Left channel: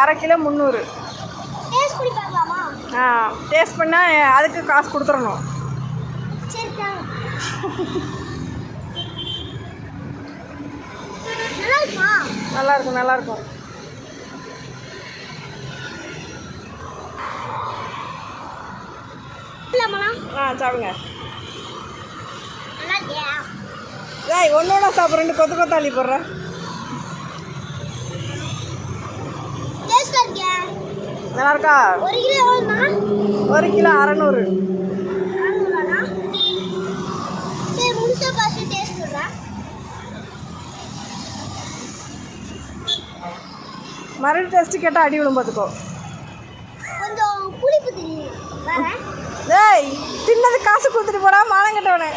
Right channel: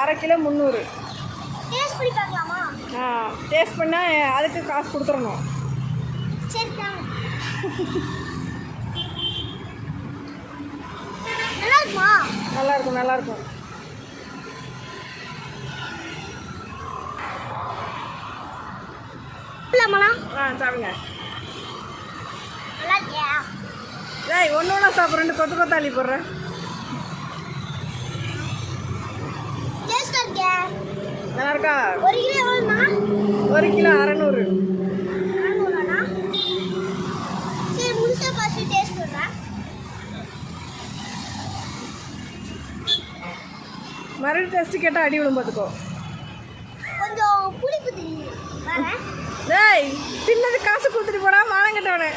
அரை kilo 300. Taste பண்ணி பார்க்கலாமா? டேஸ்ட் பண்ணால் அதுக்கு காசு கொடுத்துடணும். சரி நல்லா இருக்குமா? நல்லாயிருக்கும் நல்லாயிருக்கும். சாப்பிடுங்க. டேய் ஒன்று ஒன்றா சாப்பிட்றேன், கொத்து கொத்தாளி போடுறேன். நல்லா இருக்கா? 1 கிலோ 600. மறுபடியும் டெஸ்ட்டு கேட்டால் அடி விடும் பார்த்துக்கோ. டேய் தின்னது காசு கொடுத்துட்டு போடா மானம் கட்டவனே.